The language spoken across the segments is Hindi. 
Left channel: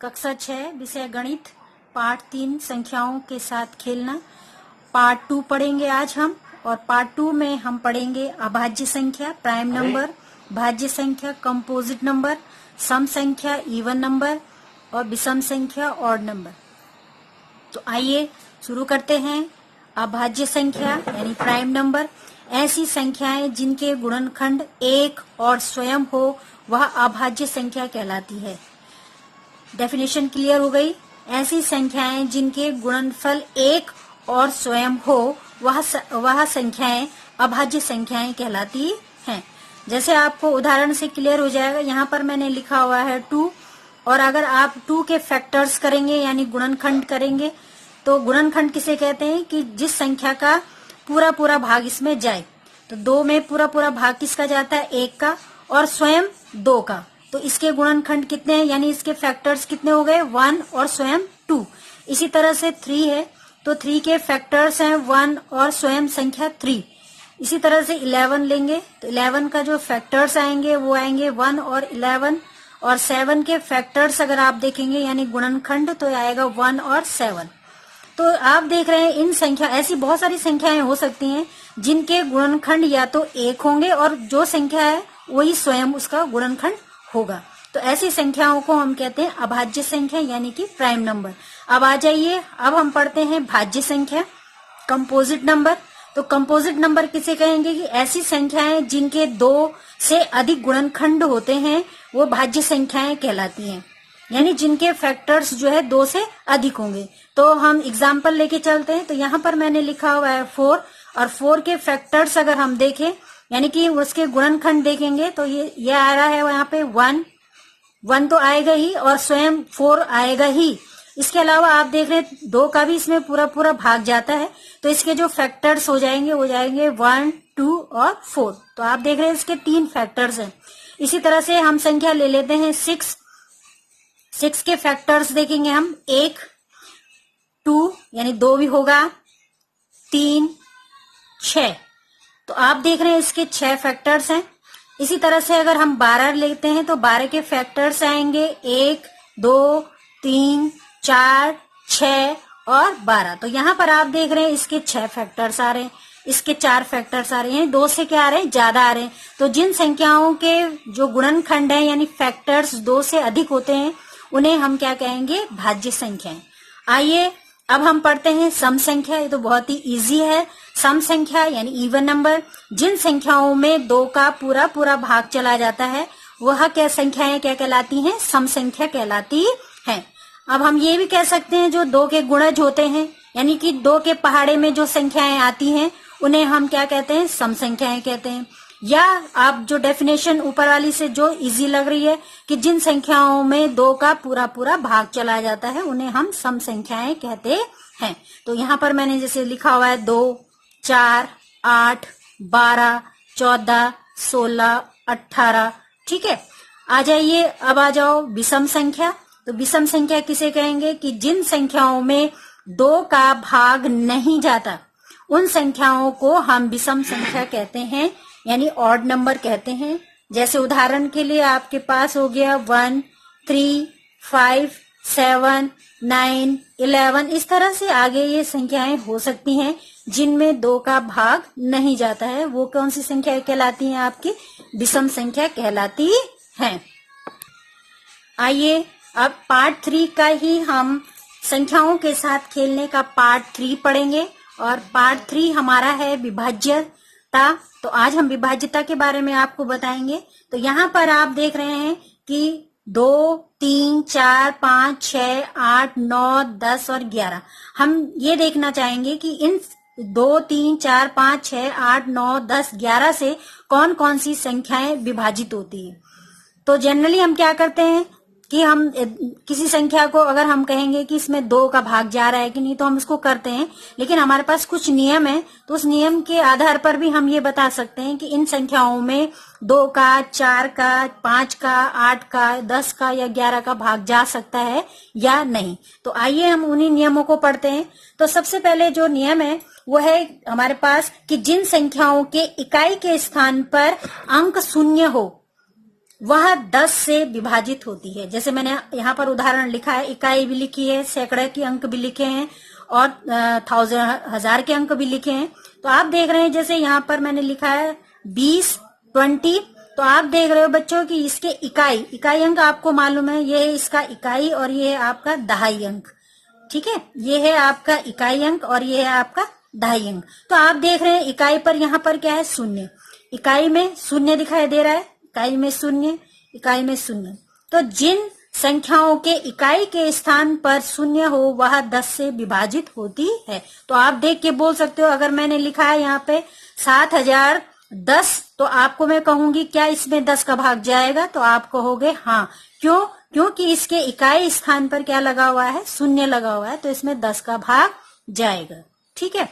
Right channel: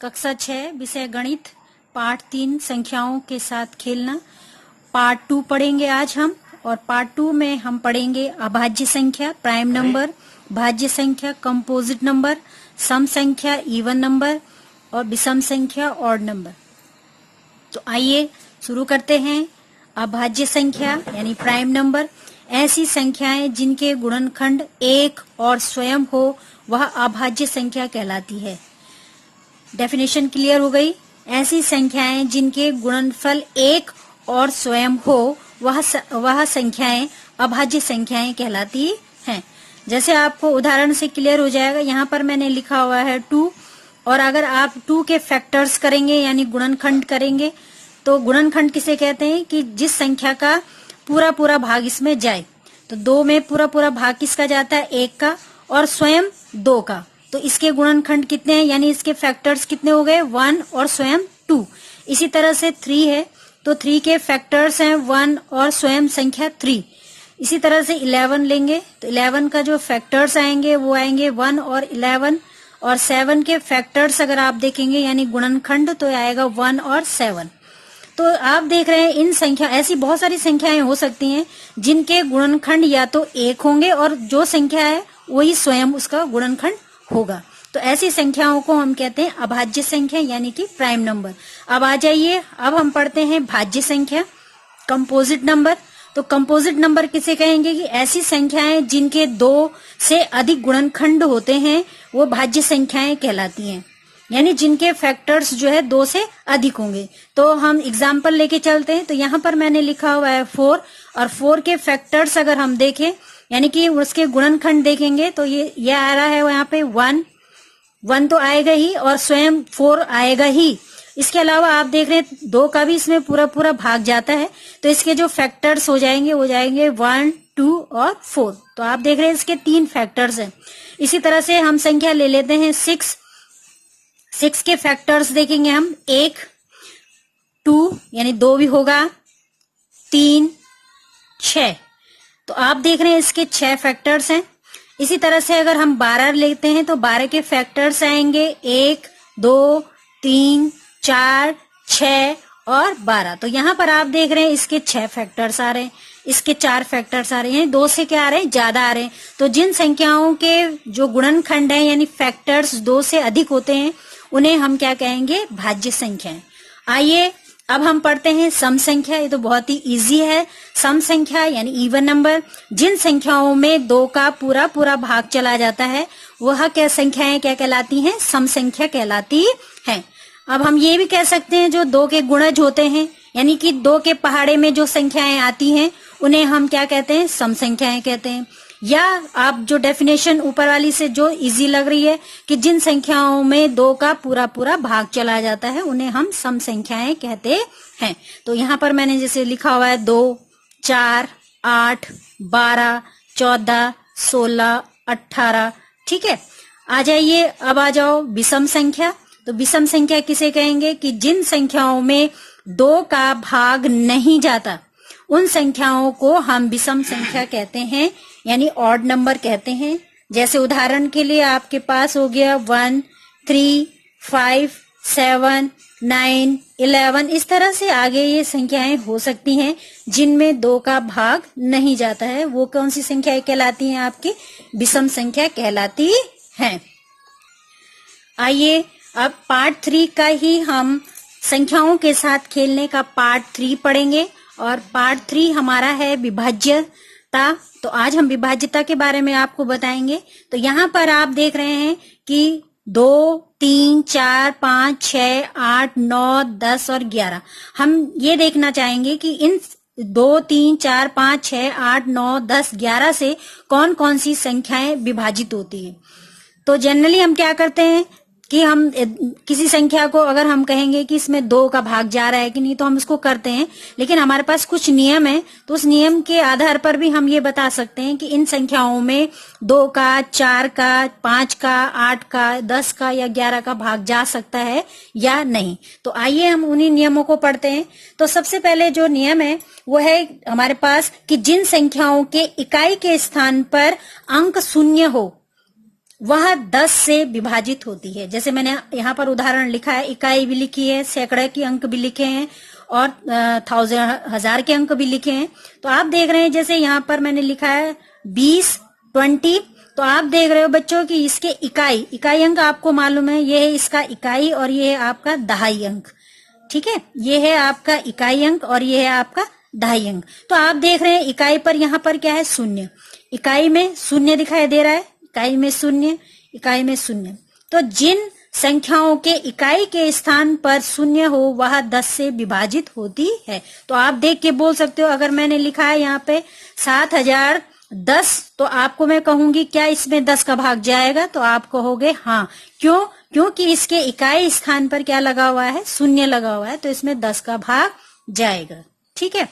कक्षा 6 विषय गणित पार्ट 3 संख्याओं के साथ खेलना पार्ट 2 पढ़ेंगे आज हम। और पार्ट 2 में हम पढ़ेंगे अभाज्य संख्या प्राइम नंबर, भाज्य संख्या कंपोजिट नंबर, सम संख्या इवन नंबर और विषम संख्या ऑड नंबर। तो आइए शुरू करते हैं। अभाज्य संख्या यानी प्राइम नंबर ऐसी संख्याएं जिनके गुणनखंड एक और स्वयं हो वह अभाज्य संख्या कहलाती है। डेफिनेशन क्लियर हो गई। ऐसी संख्याएं जिनके गुणनफल एक और स्वयं हो वह संख्याएं अभाज्य संख्याएं कहलाती हैं। जैसे आपको उदाहरण से क्लियर हो जाएगा, यहाँ पर मैंने लिखा हुआ है 2, और अगर आप 2 के फैक्टर्स करेंगे यानी गुणनखंड करेंगे तो गुणनखंड किसे कहते हैं कि जिस संख्या का पूरा पूरा भाग इसमें जाए। तो 2 में पूरा पूरा भाग किसका जाता है? 1 का, और स्वयं 2 का। तो इसके गुणनखंड कितने हैं यानी इसके फैक्टर्स कितने हो गए? 1 और स्वयं 2। इसी तरह से 3 है तो 3 के फैक्टर्स हैं 1 और स्वयं संख्या 3। इसी तरह से 11 लेंगे तो 11 का जो फैक्टर्स आएंगे वो आएंगे 1 और 11, और 7 के फैक्टर्स अगर आप देखेंगे यानी गुणनखंड तो आएगा 1 और 7। तो आप देख रहे हैं इन संख्या ऐसी बहुत सारी संख्याएं हो सकती हैं जिनके गुणनखंड या तो 1 होंगे और जो संख्या है वही स्वयं उसका गुणनखंड होगा। तो ऐसी संख्याओं को हम कहते हैं अभाज्य संख्या यानी कि प्राइम नंबर। अब आ जाइए, अब हम पढ़ते हैं भाज्य संख्या कंपोजिट नंबर। तो कंपोजिट नंबर किसे कहेंगे कि ऐसी संख्याएं जिनके 2 से अधिक गुणनखंड होते हैं वो भाज्य संख्याएं कहलाती हैं, यानी जिनके फैक्टर्स जो है 2 से अधिक होंगे। तो हम एग्जाम्पल लेके चलते हैं। तो यहाँ पर मैंने लिखा हुआ है 4, और 4 के फैक्टर्स अगर हम देखें यानी कि उसके गुणनखंड देखेंगे तो ये आ रहा है यहाँ पे 1 तो आएगा ही और स्वयं 4 आएगा ही। इसके अलावा आप देख रहे हैं 2 का भी इसमें पूरा पूरा भाग जाता है, तो इसके जो फैक्टर्स हो जाएंगे 1, 2 और 4। तो आप देख रहे हैं इसके 3 फैक्टर्स हैं। इसी तरह से हम संख्या ले लेते हैं 6 के फैक्टर्स देखेंगे हम 1, 2 यानी 2 भी होगा, 3, 6। तो आप देख रहे हैं इसके 6 फैक्टर्स हैं। इसी तरह से अगर हम 12 लेते हैं तो 12 के फैक्टर्स आएंगे 1, 2, 3, 4, 6 और 12। तो यहाँ पर आप देख रहे हैं इसके 6 फैक्टर्स आ रहे हैं, इसके 4 फैक्टर्स आ रहे हैं, 2 से क्या आ रहे हैं? ज्यादा आ रहे हैं। तो जिन संख्याओं के जो गुणनखंड है यानी फैक्टर्स 2 से अधिक होते हैं उन्हें हम क्या कहेंगे? भाज्य संख्याएं। आइए अब हम पढ़ते हैं सम संख्या। ये तो बहुत ही इजी है। सम संख्या यानी इवन नंबर जिन संख्याओं में 2 का पूरा पूरा भाग चला जाता है वह क्या संख्याएं क्या कहलाती हैं? सम संख्या कहलाती हैं। अब हम ये भी कह सकते हैं जो 2 के गुणज होते हैं यानी कि 2 के पहाड़े में जो संख्याएं आती हैं उन्हें हम क्या कहते हैं? सम संख्याएं कहते हैं। या आप जो डेफिनेशन ऊपर वाली से जो इजी लग रही है कि जिन संख्याओं में 2 का पूरा पूरा भाग चला जाता है उन्हें हम सम संख्याएं कहते हैं। तो यहाँ पर मैंने जैसे लिखा हुआ है 2, 4, 8, 12, 14, 16, 18। ठीक है, आ जाइए, अब आ जाओ विषम संख्या। तो विषम संख्या किसे कहेंगे कि जिन संख्याओं में 2 का भाग नहीं जाता उन संख्याओं को हम विषम संख्या कहते हैं यानी ऑड नंबर कहते हैं। जैसे उदाहरण के लिए आपके पास हो गया 1, 3, 5, 7, 9, 11। इस तरह से आगे ये संख्याएं हो सकती हैं जिनमें 2 का भाग नहीं जाता है। वो कौन सी संख्याएं कहलाती हैं? आपकी विषम संख्या कहलाती हैं। आइए अब पार्ट 3 का ही हम संख्याओं के साथ खेलने का पार्ट 3 पढ़ेंगे, और पार्ट 3 हमारा है विभाज्यता। तो आज हम विभाज्यता के बारे में आपको बताएंगे। तो यहाँ पर आप देख रहे हैं कि 2, 3, 4, 5, 6, 8, 9, 10 और 11। हम ये देखना चाहेंगे कि इन 2, 3, 4, 5, 6, 8, 9, 10, 11 से कौन कौन सी संख्याएं विभाजित होती है। तो जनरली हम क्या करते हैं कि हम किसी संख्या को अगर हम कहेंगे कि इसमें 2 का भाग जा रहा है कि नहीं तो हम उसको करते हैं, लेकिन हमारे पास कुछ नियम है। तो उस नियम के आधार पर भी हम ये बता सकते हैं कि इन संख्याओं में 2 का, 4 का, 5 का, 8 का, 10 का या 11 का भाग जा सकता है या नहीं। तो आइए हम उन्हीं नियमों को पढ़ते हैं। तो सबसे पहले जो नियम है वो है हमारे पास कि जिन संख्याओं के इकाई के स्थान पर अंक 0 हो वह 10 से विभाजित होती है। जैसे मैंने यहाँ पर उदाहरण लिखा है, इकाई भी लिखी है, सैकड़े के अंक भी लिखे हैं और हजार के अंक भी लिखे हैं। तो आप देख रहे हैं जैसे यहाँ पर मैंने लिखा है 20, 20। तो आप देख रहे हो बच्चों कि इसके इकाई अंक आपको मालूम है, ये है इसका इकाई और ये है आपका दहाई अंक। ठीक है, ये है आपका इकाई अंक और ये है आपका दहाई अंक। तो आप देख रहे हैं इकाई पर यहाँ पर क्या है, शून्य। इकाई में शून्य दिखाई दे रहा है, इकाई में शून्य, इकाई में शून्य। तो जिन संख्याओं के इकाई के स्थान पर शून्य हो वह 10 से विभाजित होती है। तो आप देख के बोल सकते हो, अगर मैंने लिखा है यहाँ पे 7010, तो आपको मैं कहूंगी क्या इसमें 10 का भाग जाएगा? तो आप कहोगे हाँ। क्यों? क्योंकि इसके इकाई स्थान पर क्या लगा हुआ है, शून्य लगा हुआ है, तो इसमें 10 का भाग जाएगा। ठीक है,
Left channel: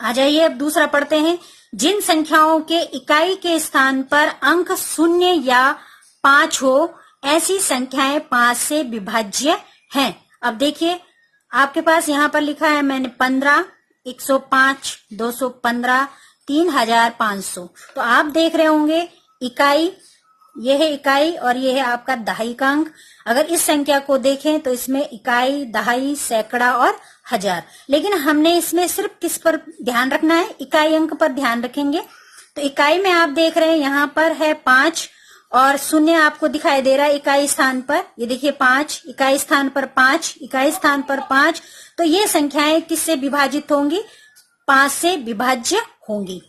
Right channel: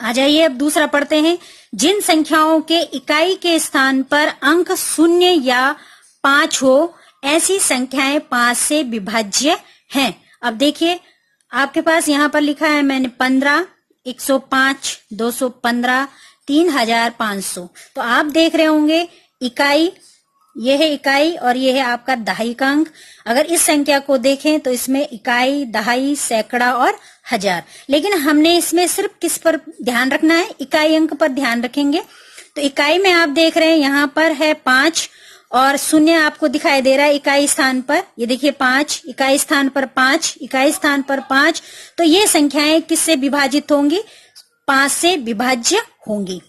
आ जाइए अब दूसरा पढ़ते हैं। जिन संख्याओं के इकाई के स्थान पर अंक शून्य या 5 हो ऐसी संख्याएं 5 से विभाज्य हैं। अब देखिए आपके पास यहाँ पर लिखा है मैंने 15, 105, 215, 3500। तो आप देख रहे होंगे इकाई, ये है इकाई और ये है आपका दहाई का अंक। अगर इस संख्या को देखें तो इसमें इकाई, दहाई, सैकड़ा और हजार। लेकिन हमने इसमें सिर्फ किस पर ध्यान रखना है, इकाई अंक पर ध्यान रखेंगे। तो इकाई में आप देख रहे हैं यहाँ पर है 5 और शून्य आपको दिखाई दे रहा है इकाई स्थान पर। ये देखिए 5 इकाई स्थान पर 5, इकाई स्थान पर 5। तो ये संख्याएं किससे विभाजित होंगी? 5 से विभाज्य होंगी।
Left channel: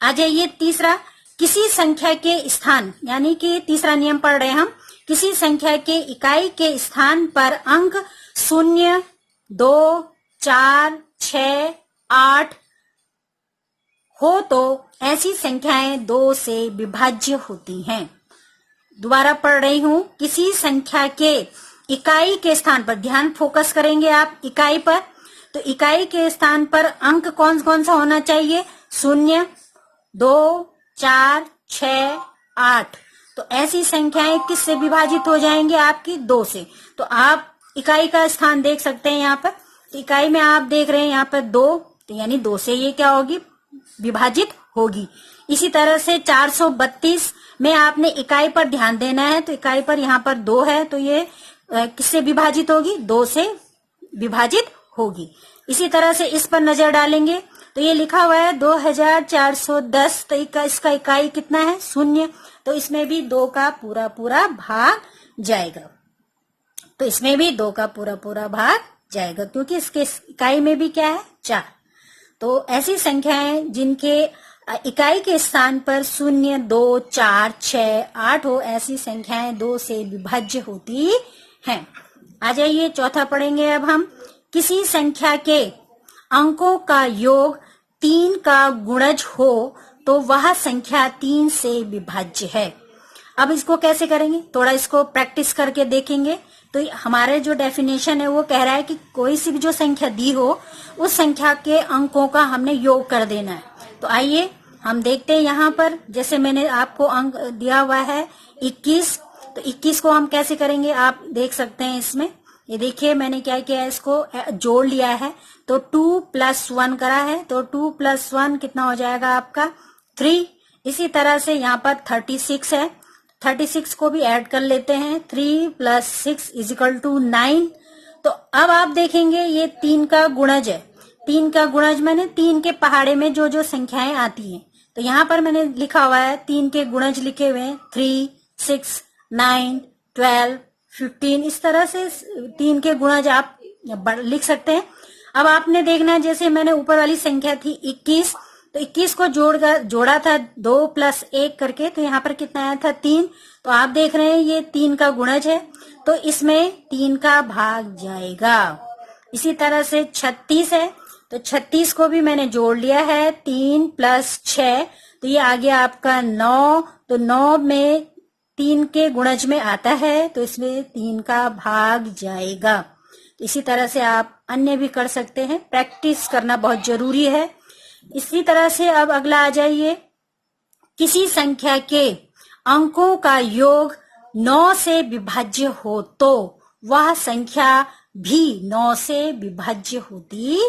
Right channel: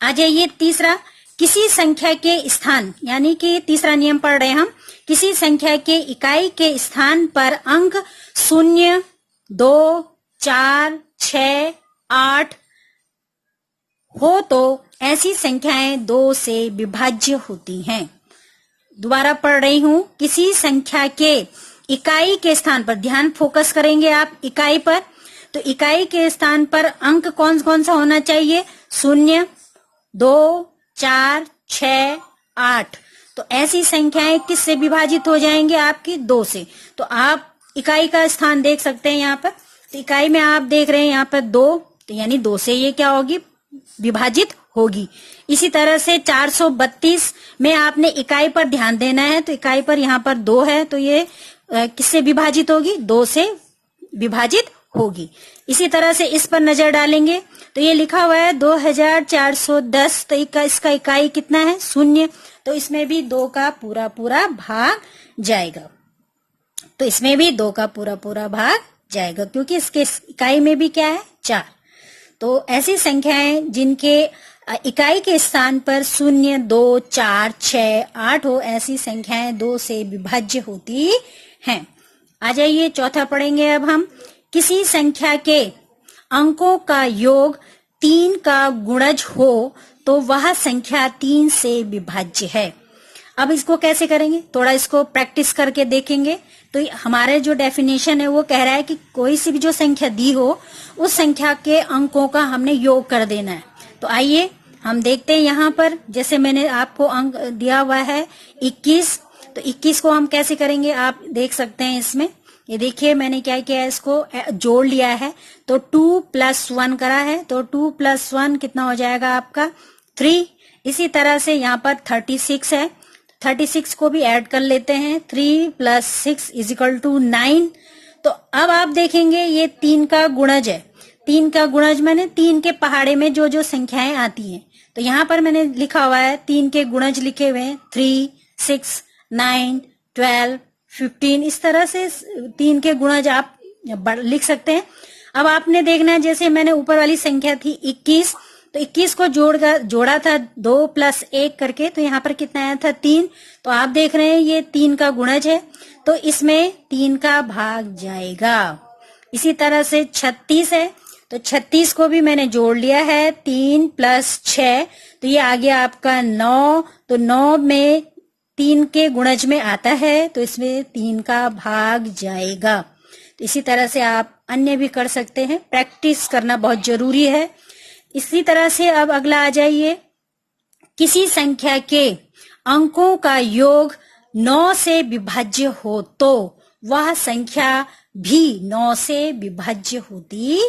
आ जाइए तीसरा, किसी संख्या के स्थान, यानी कि तीसरा नियम पढ़ रहे हैं हम। किसी संख्या के इकाई के स्थान पर अंक 0, 2, 4, 6, 8 हो तो ऐसी संख्याएं 2 से विभाज्य होती हैं। दोबारा पढ़ रही हूं, किसी संख्या के इकाई के स्थान पर, ध्यान फोकस करेंगे आप इकाई पर। तो इकाई के स्थान पर अंक कौन कौन सा होना चाहिए? 0, 2, 4, 6, 8। तो ऐसी संख्याएं किससे विभाजित हो जाएंगे? आपकी 2 से। तो आप इकाई का स्थान देख सकते हैं यहाँ पर। तो इकाई में आप देख रहे हैं यहाँ पर 2, तो यानी 2 से ये क्या होगी? विभाजित होगी। इसी तरह से 432 में आपने इकाई पर ध्यान देना है। तो इकाई पर यहाँ पर 2 है, तो ये किससे विभाजित होगी? 2 से विभाजित होगी। इसी तरह से इस पर नजर डालेंगे तो ये लिखा हुआ है 2410। तो इसका इकाई कितना है? 0। तो इसमें भी 2 का पूरा पूरा भाग जाएगा। तो इसमें भी 2 का पूरा पूरा भाग जाएगा, क्योंकि इसके इकाई में भी क्या है? 4। तो ऐसी संख्याएं जिनके इकाई के स्थान पर 0, 2, 4, 6, 8 हो, ऐसी संख्याएं 2 से विभाज्य होती हैं। आ जाइए चौथा पढ़ेंगे अब हम। किसी संख्या के अंकों का योग 3 का गुणज हो तो वह संख्या 3 से विभाज्य है। अब इसको कैसे करेंगे? थोड़ा इसको प्रैक्टिस करके देखेंगे। तो हमारे जो डेफिनेशन है वो कह रहा है कि कोई सी भी जो संख्या दी हो उस संख्या के अंकों का हमने योग कर देना है। तो आइए हम देखते हैं यहाँ पर, जैसे मैंने आपको अंक दिया हुआ है 21। तो 21 को हम कैसे करेंगे आप देख सकते हैं इसमें। ये देखिए मैंने क्या किया है, इसको जोड़ लिया है। तो 2 + 1 करा है, तो 2 + 1 कितना हो जाएगा आपका? 3। इसी तरह से यहाँ पर 36 है, 36 को भी ऐड कर लेते हैं। 3 + 6 = 9। तो अब आप देखेंगे ये 3 का गुणज है। 3 का गुणज मैंने 3 के पहाड़े में जो जो संख्याएं आती हैं, तो यहाँ पर मैंने लिखा हुआ है 3 के गुणज लिखे हुए हैं। 3, 6, 9, 12, 15। इस तरह से 3 के गुणज आप लिख सकते हैं। अब आपने देखना है, जैसे मैंने ऊपर वाली संख्या थी 21, तो 21 को जोड़ा था 2 + 1 करके, तो यहाँ पर कितना आया था? 3। तो आप देख रहे हैं ये 3 का गुणज है, तो इसमें 3 का भाग जाएगा। इसी तरह से 36 है, तो 36 को भी मैंने जोड़ लिया है। 3 + 6, तो ये आ गया आपका 9। तो 9 में 3 के गुणज में आता है, तो इसमें 3 का भाग जाएगा। तो इसी तरह से आप अन्य भी कर सकते हैं। प्रैक्टिस करना बहुत जरूरी है। इसी तरह से अब अगला आ जाइए। किसी संख्या के अंकों का योग 9 से विभाज्य हो तो वह संख्या भी 9 से विभाज्य होती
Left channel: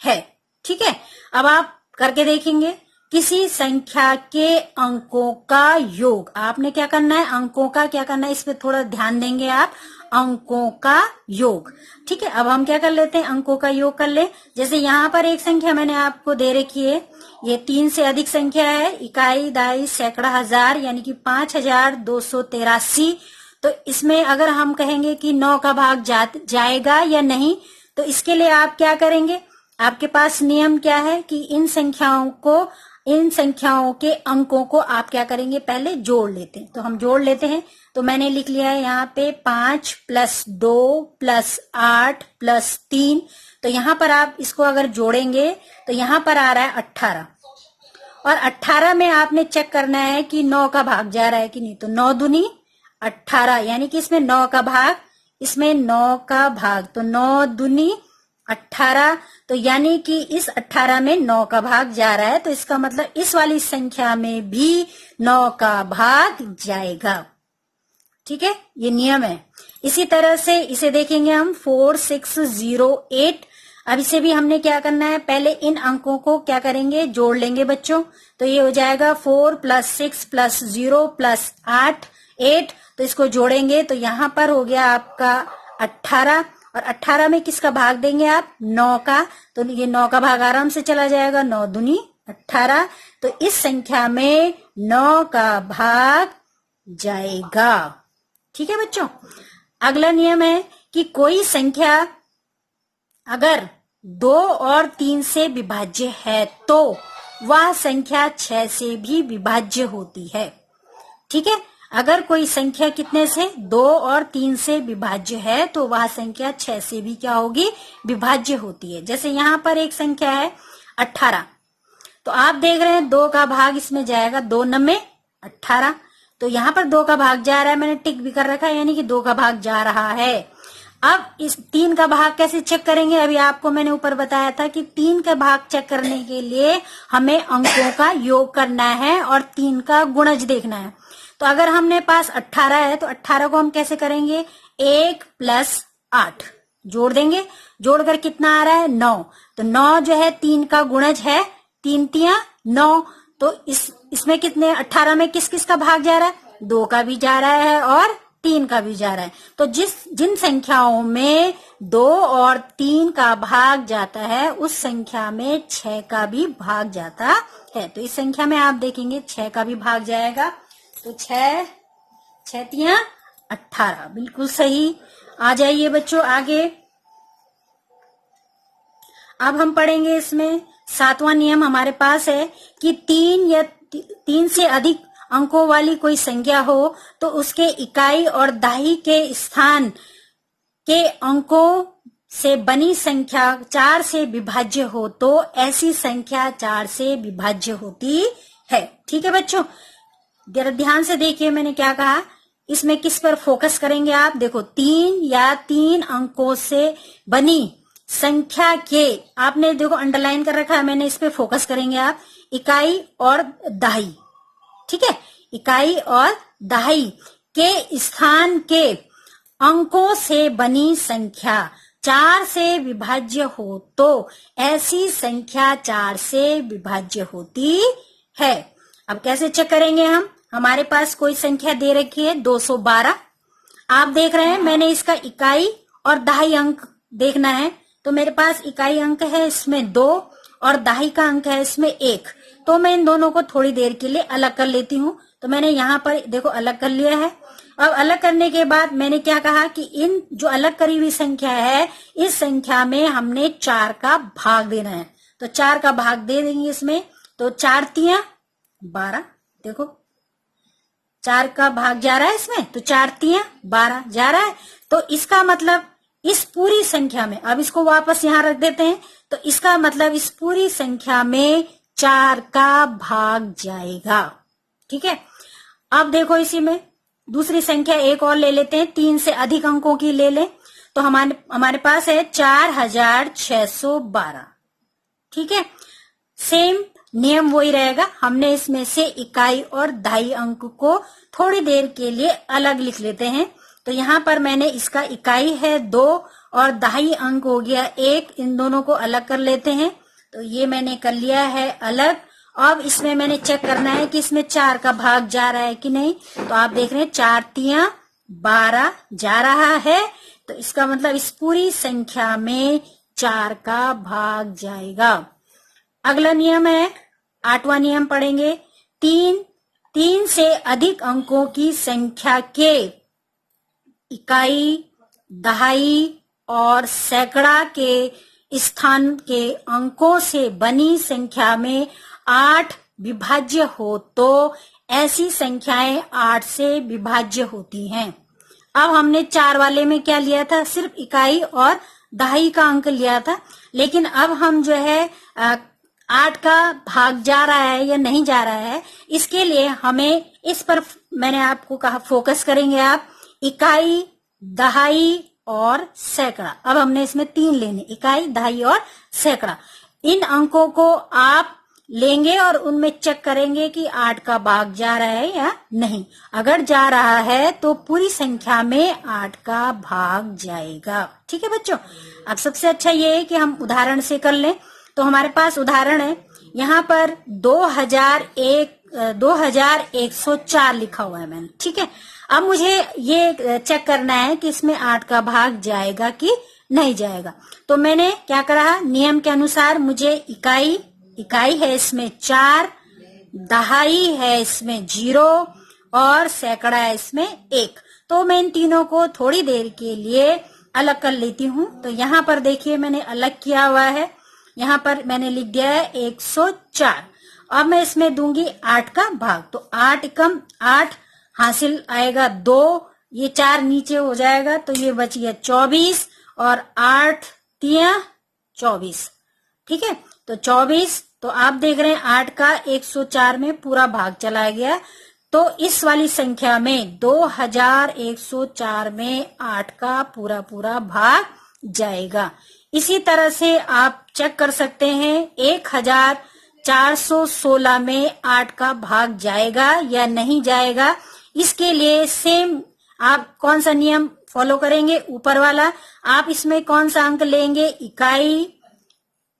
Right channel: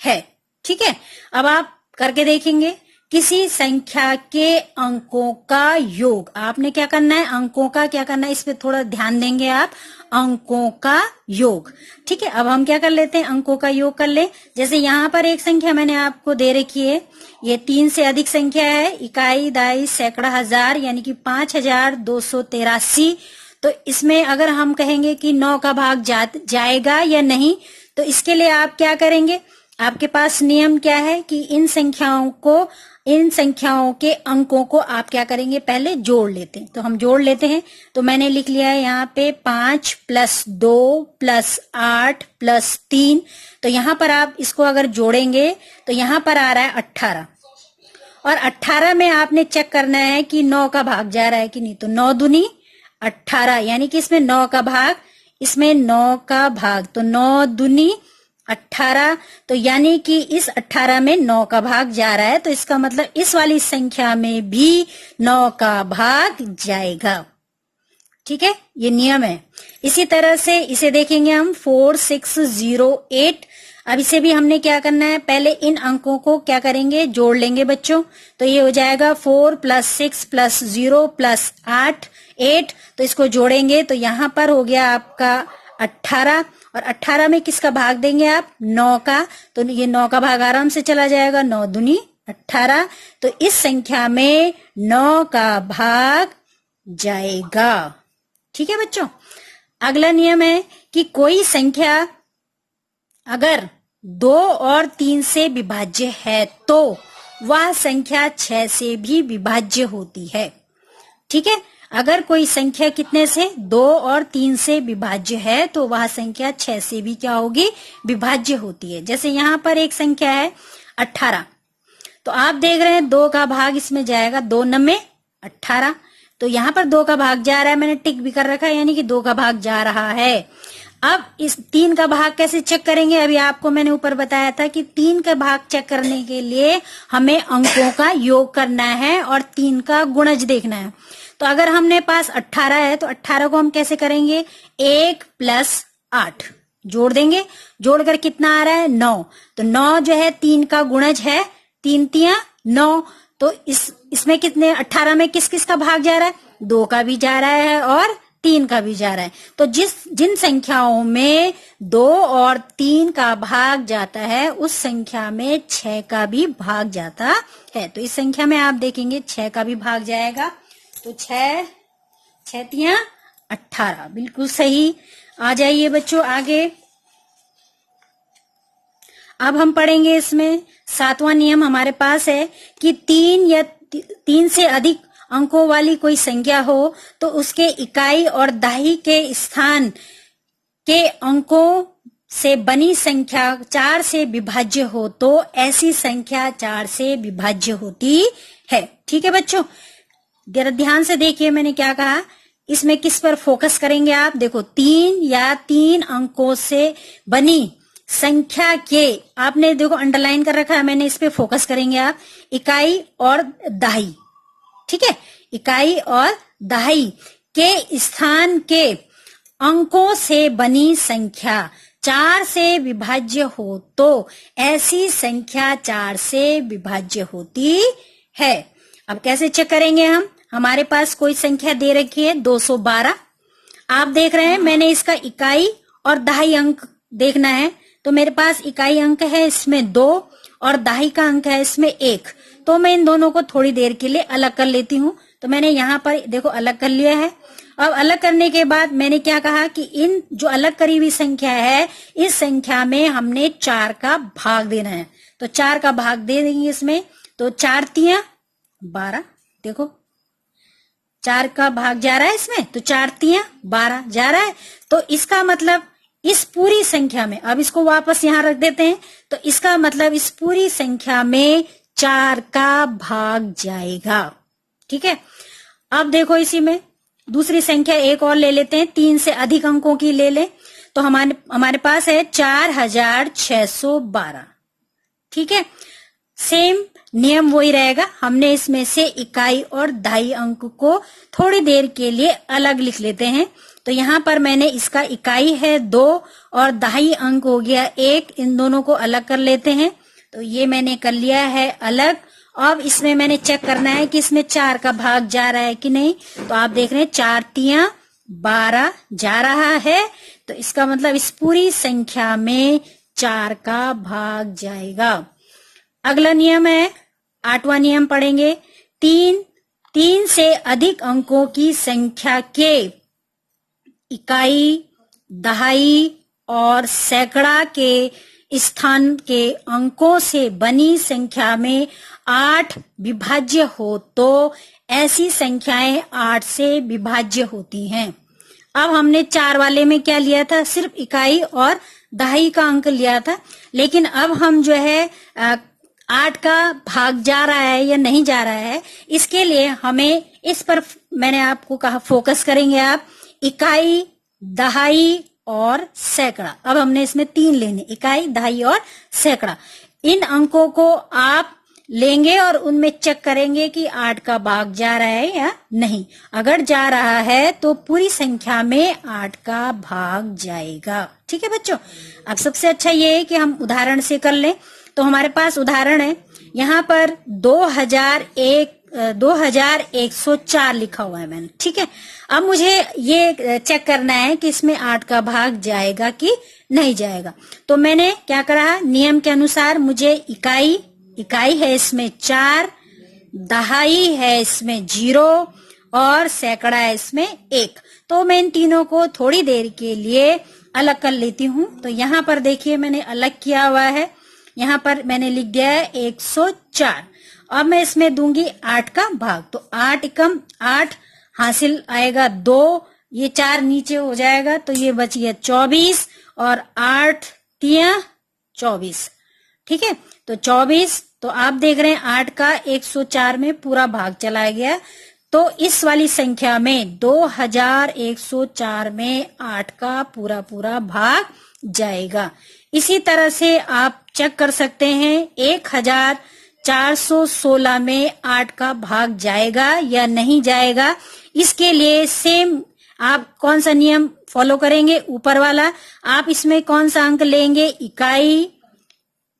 है। ठीक है, अब आप करके देखेंगे। किसी संख्या के अंकों का योग। आपने क्या करना है, अंकों का क्या करना है, इस पे थोड़ा ध्यान देंगे आप, अंकों का योग। ठीक है, अब हम क्या कर लेते हैं, अंकों का योग कर ले। जैसे यहाँ पर एक संख्या मैंने आपको दे रखी है, ये 3 से अधिक संख्या है, इकाई, दाई, सैकड़ा, हजार, यानी कि 5283। तो इसमें अगर हम कहेंगे कि 9 का भाग जाएगा या नहीं, तो इसके लिए आप क्या करेंगे, आपके पास नियम क्या है कि इन संख्याओं के अंकों को आप क्या करेंगे, पहले जोड़ लेते हैं। तो हम जोड़ लेते हैं। तो मैंने लिख लिया है यहाँ पे 5 + 2 + 8 + 3। तो यहाँ पर आप इसको अगर जोड़ेंगे तो यहाँ पर आ रहा है 18, और 18 में आपने चेक करना है कि 9 का भाग जा रहा है कि नहीं। तो 9 दूनी 18, यानी कि इसमें 9 का भाग, इसमें 9 का भाग, तो 9 दूनी 18। तो यानी कि इस 18 में 9 का भाग जा रहा है, तो इसका मतलब इस वाली संख्या में भी 9 का भाग जाएगा। ठीक है, ये नियम है। इसी तरह से इसे देखेंगे हम 4608। अब इसे भी हमने क्या करना है, पहले इन अंकों को क्या करेंगे, जोड़ लेंगे बच्चों। तो ये हो जाएगा 4 + 6 + 0 + 8। तो इसको जोड़ेंगे तो यहां पर हो गया आपका 18, और 18 में किसका भाग देंगे आप, 9 का। तो ये 9 का भाग आराम से चला जाएगा, 9 दूनी 18। तो इस संख्या में 9 का भाग जाएगा। ठीक है बच्चों, अगला नियम है कि कोई संख्या अगर 2 और 3 से विभाज्य है तो वह संख्या 6 से भी विभाज्य होती है। ठीक है, अगर कोई संख्या कितने से, 2 और 3 से विभाज्य है तो वह संख्या 6 से भी क्या होगी, विभाज्य होती है। जैसे यहाँ पर एक संख्या है 18, तो आप देख रहे हैं 2 का भाग इसमें जाएगा, 2 9 18। तो यहाँ पर 2 का भाग जा रहा है, मैंने टिक भी कर रखा है, यानी कि 2 का भाग जा रहा है। अब इस 3 का भाग कैसे चेक करेंगे, अभी आपको मैंने ऊपर बताया था कि 3 का भाग चेक करने के लिए हमें अंकों का योग करना है और 3 का गुणज देखना है। तो अगर हमने पास 18 है तो 18 को हम कैसे करेंगे, 1 + 8 जोड़ देंगे, जोड़कर कितना आ रहा है, 9। तो 9 जो है 3 का गुणज है, 3 तिया 9। तो इसमें कितने, 18 में किस किस का भाग जा रहा है, 2 का भी जा रहा है और 3 का भी जा रहा है। तो जिन संख्याओं में 2 और 3 का भाग जाता है उस संख्या में 6 का भी भाग जाता है। तो इस संख्या में आप देखेंगे 6 का भी भाग जाएगा। तो 6 तिया 18, बिल्कुल सही। आ जाइए बच्चों आगे। अब हम पढ़ेंगे इसमें 7वां नियम हमारे पास है कि 3 या 3 से अधिक अंकों वाली कोई संख्या हो तो उसके इकाई और दहाई के स्थान के अंकों से बनी संख्या 4 से विभाज्य हो तो ऐसी संख्या 4 से विभाज्य होती है। ठीक है बच्चों, जरा ध्यान से देखिए मैंने क्या कहा, इसमें किस पर फोकस करेंगे आप, देखो 3 या 3 अंकों से बनी संख्या के, आपने देखो अंडरलाइन कर रखा है मैंने, इस पे फोकस करेंगे आप, इकाई और दहाई। ठीक है, इकाई और दहाई के स्थान के अंकों से बनी संख्या 4 से विभाज्य हो तो ऐसी संख्या 4 से विभाज्य होती है। अब कैसे चेक करेंगे हम, हमारे पास कोई संख्या दे रखी है 212, आप देख रहे हैं मैंने इसका इकाई और दहाई अंक देखना है। तो मेरे पास इकाई अंक है इसमें 2 और दहाई का अंक है इसमें 1। तो मैं इन दोनों को थोड़ी देर के लिए अलग कर लेती हूँ। तो मैंने यहाँ पर देखो अलग कर लिया है। अब अलग करने के बाद मैंने क्या कहा कि इन जो अलग करी हुई संख्या है इस संख्या में हमने 4 का भाग देना है। तो 4 का भाग दे देंगे इसमें। तो 4 तिया 12, देखो 4 का भाग जा रहा है इसमें, तो 4 तिया 12 जा रहा है। तो इसका मतलब इस पूरी संख्या में, अब इसको वापस यहां रख देते हैं, तो इसका मतलब इस पूरी संख्या में 4 का भाग जाएगा। ठीक है, अब देखो इसी में दूसरी संख्या एक और ले लेते हैं, 3 से अधिक अंकों की ले लें। तो हमारे पास है 4612। ठीक है, सेम नियम वही रहेगा, हमने इसमें से इकाई और दहाई अंक को थोड़ी देर के लिए अलग लिख लेते हैं। तो यहाँ पर मैंने इसका इकाई है 2 और दहाई अंक हो गया 1, इन दोनों को अलग कर लेते हैं। तो ये मैंने कर लिया है अलग, अब इसमें मैंने चेक करना है कि इसमें 4 का भाग जा रहा है कि नहीं। तो आप देख रहे हैं 4 तिया 12 जा रहा है, तो इसका मतलब इस पूरी संख्या में 4 का भाग जाएगा। अगला नियम है 8वां नियम पढ़ेंगे। 3 से अधिक अंकों की संख्या के इकाई, दहाई और सैकड़ा के स्थान के अंकों से बनी संख्या में 8 विभाज्य हो तो ऐसी संख्याएं 8 से विभाज्य होती हैं। अब हमने 4 वाले में क्या लिया था, सिर्फ इकाई और दहाई का अंक लिया था, लेकिन अब हम जो है 8 का भाग जा रहा है या नहीं जा रहा है, इसके लिए हमें इस पर मैंने आपको कहा फोकस करेंगे आप, इकाई, दहाई और सैकड़ा। अब हमने इसमें 3 लेने, इकाई, दहाई और सैकड़ा। इन अंकों को आप लेंगे और उनमें चेक करेंगे कि 8 का भाग जा रहा है या नहीं। अगर जा रहा है तो पूरी संख्या में 8 का भाग जाएगा। ठीक है बच्चों। अब सबसे अच्छा ये है कि हम उदाहरण से कर लें। तो हमारे पास उदाहरण है, यहाँ पर 2104 लिखा हुआ है मैंने। ठीक है, अब मुझे ये चेक करना है कि इसमें 8 का भाग जाएगा कि नहीं जाएगा। तो मैंने क्या करा, नियम के अनुसार मुझे इकाई है इसमें 4, दहाई है इसमें 0 और सैकड़ा है इसमें 1। तो मैं इन तीनों को थोड़ी देर के लिए अलग कर लेती हूँ। तो यहाँ पर देखिए मैंने अलग किया हुआ है, यहाँ पर मैंने लिख दिया है 104। अब मैं इसमें दूंगी 8 का भाग। तो 8 एकम 8 हासिल आएगा 2, ये 4 नीचे हो जाएगा तो ये बच गया 24 और 8 तिया 24। ठीक है, तो 24। तो आप देख रहे हैं 8 का 104 में पूरा भाग चला गया। तो इस वाली संख्या में 2104 में 8 का पूरा भाग जाएगा। इसी तरह से आप चेक कर सकते हैं 1416 में 8 का भाग जाएगा या नहीं जाएगा। इसके लिए सेम आप कौन सा नियम फॉलो करेंगे, ऊपर वाला। आप इसमें कौन सा अंक लेंगे, इकाई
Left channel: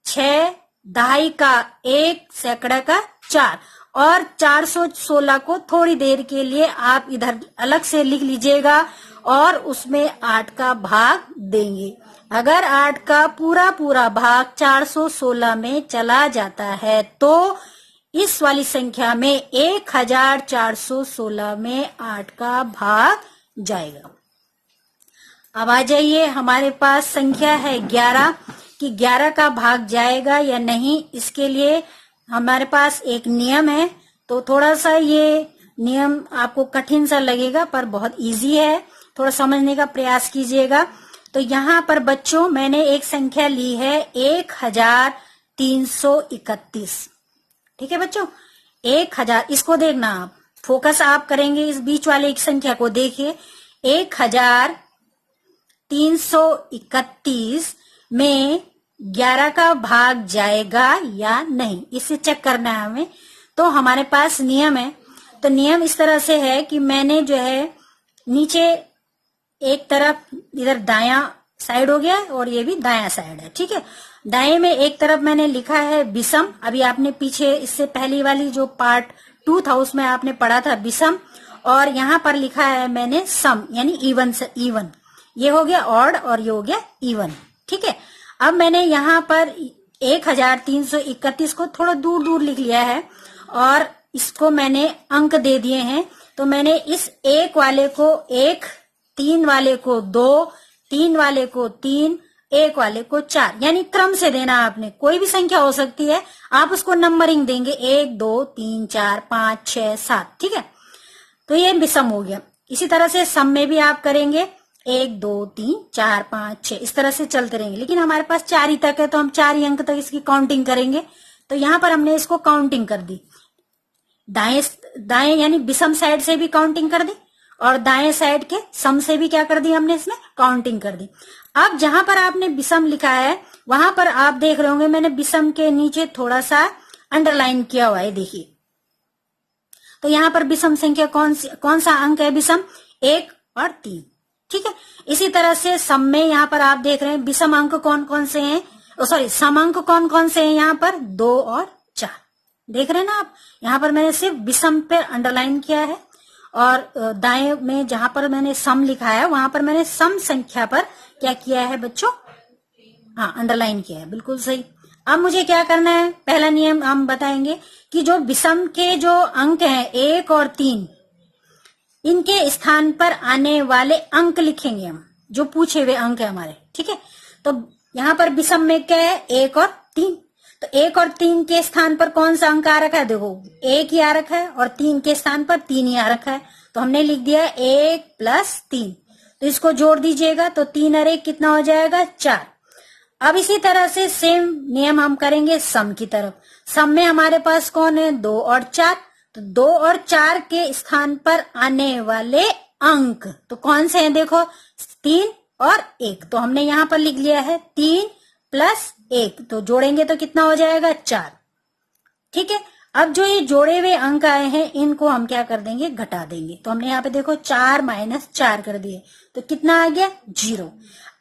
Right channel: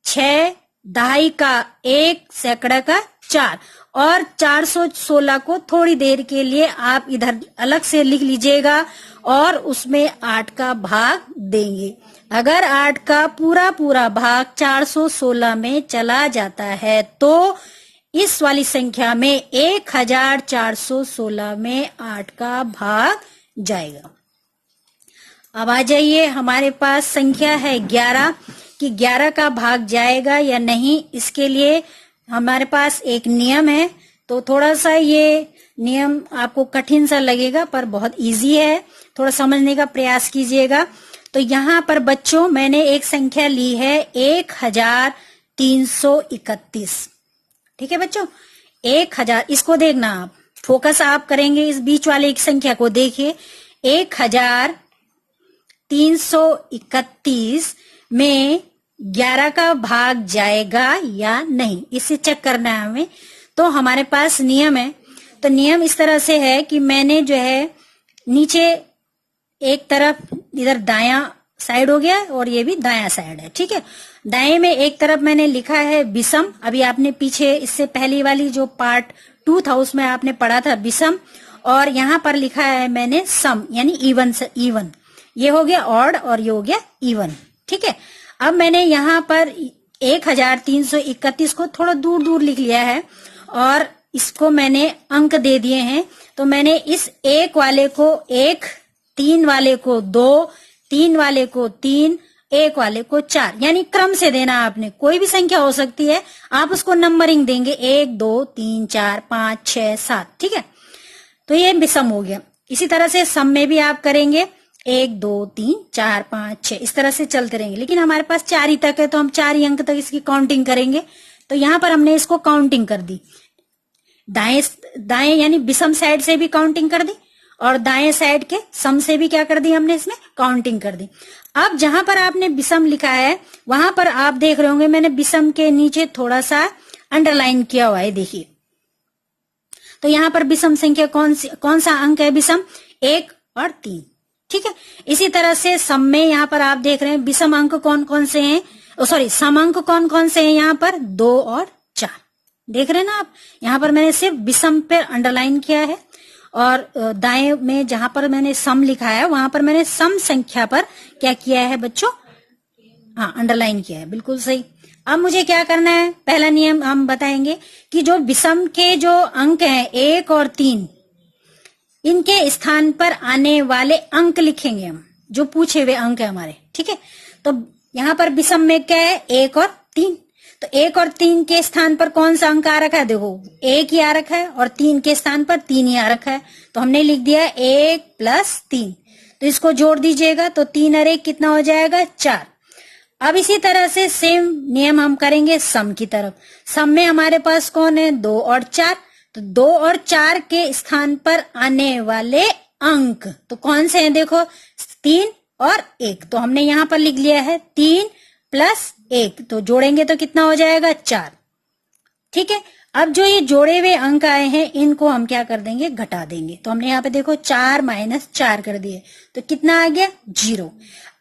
6, दहाई का 1, सैकड़ा का 4 और 416 को थोड़ी देर के लिए आप इधर अलग से लिख लीजिएगा और उसमें 8 का भाग देंगे। अगर 8 का पूरा भाग 416 में चला जाता है तो इस वाली संख्या में 1416 में 8 का भाग जाएगा। अब आ जाइए, हमारे पास संख्या है 11 कि 11 का भाग जाएगा या नहीं। इसके लिए हमारे पास एक नियम है। तो थोड़ा सा ये नियम आपको कठिन सा लगेगा पर बहुत इजी है, थोड़ा समझने का प्रयास कीजिएगा। तो यहाँ पर बच्चों मैंने एक संख्या ली है 1331। ठीक है बच्चों, 1000, इसको देखना आप, फोकस आप करेंगे इस बीच वाले एक संख्या को। देखिए 1331 में 11 का भाग जाएगा या नहीं, इसे चेक करना है हमें। तो हमारे पास नियम है। तो नियम इस तरह से है कि मैंने जो है नीचे एक तरफ इधर दायां साइड हो गया और ये भी दायां साइड है। ठीक है, दाएं में एक तरफ मैंने लिखा है विषम। अभी आपने पीछे इससे पहली वाली जो पार्ट 2 था उसमें आपने पढ़ा था विषम, और यहाँ पर लिखा है मैंने सम यानी इवन। ये हो गया ऑड और ये हो गया इवन। ठीक है, अब मैंने यहाँ पर 1331 को थोड़ा दूर लिख लिया है और इसको मैंने अंक दे दिए हैं। तो मैंने इस 1 वाले को 1, 3 वाले को 2, 3 वाले को 3, 1 वाले को 4, यानी क्रम से देना। आपने कोई भी संख्या हो सकती है, आप उसको नंबरिंग देंगे 1, 2, 3, 4, 5, 6, 7। ठीक है, तो ये विषम हो गया। इसी तरह से सम में भी आप करेंगे 1, 2, 3, 4, 5, 6, इस तरह से चलते रहेंगे। लेकिन हमारे पास 4 ही तक है तो हम 4 ही अंक तक इसकी काउंटिंग करेंगे। तो यहाँ पर हमने इसको काउंटिंग कर दी, दाएं यानी विषम साइड से भी काउंटिंग कर दी और दाएं साइड के सम से भी क्या कर दी हमने, इसमें काउंटिंग कर दी। अब जहां पर आपने विषम लिखा है वहां पर आप देख रहे होंगे मैंने विषम के नीचे थोड़ा सा अंडरलाइन किया हुआ है, देखिए। तो यहाँ पर विषम संख्या कौन सा अंक है, विषम 1 और 3। ठीक है, इसी तरह से सम में यहाँ पर आप देख रहे हैं विषम अंक कौन कौन से हैं, सॉरी सम अंक कौन कौन से हैं यहाँ पर, 2 और 4। देख रहे हैं ना आप, यहाँ पर मैंने सिर्फ विषम पे अंडरलाइन किया है और दाएं में जहां पर मैंने सम लिखा है वहां पर मैंने सम संख्या पर क्या किया है बच्चों, हाँ अंडरलाइन किया है, बिल्कुल सही। अब मुझे क्या करना है, पहला नियम हम बताएंगे कि जो विषम के जो अंक हैं 1 और 3, इनके स्थान पर आने वाले अंक लिखेंगे हम, जो पूछे हुए अंक है हमारे, ठीक है। तो यहाँ पर विषम में क्या है, 1 और 3, तो 1 और 3 के स्थान पर कौन सा अंक आ रखा है, देखो 1 ही आ रखा है और 3 के स्थान पर 3 ही आ रखा है, तो हमने लिख दिया 1 + 3। तो इसको जोड़ दीजिएगा तो 3 और 1 कितना हो जाएगा, 4। अब इसी तरह से सेम नियम हम करेंगे सम की तरफ। सम में हमारे पास कौन है, 2 और 4, तो 2 और 4 के स्थान पर आने वाले अंक तो कौन से हैं, देखो 3 और 1, तो हमने यहां पर लिख लिया है 3 + 1, तो जोड़ेंगे तो कितना हो जाएगा, 4, ठीक है। अब जो ये जोड़े हुए अंक आए हैं इनको हम क्या कर देंगे, घटा देंगे, तो हमने यहाँ पे देखो 4 - 4 कर दिए, तो कितना आ गया, 0।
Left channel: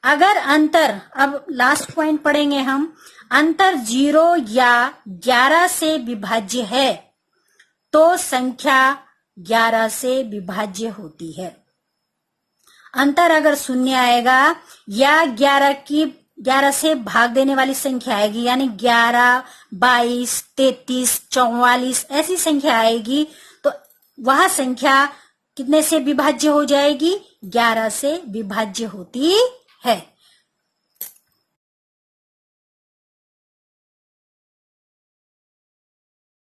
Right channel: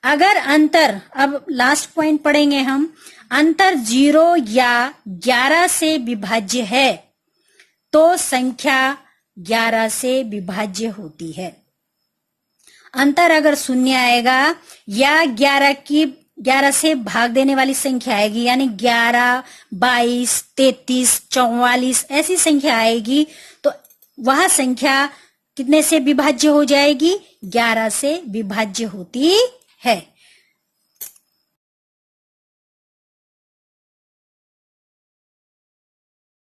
अगर अंतर, अब लास्ट पॉइंट पढ़ेंगे हम, अंतर 0 या 11 से विभाज्य है तो संख्या 11 से विभाज्य होती है। अंतर अगर 0 आएगा या 11 से भाग देने वाली संख्या आएगी, यानी 11, 22, 33, 44 ऐसी संख्या आएगी, तो वह संख्या कितने से विभाज्य हो जाएगी, 11 से विभाज्य होती है।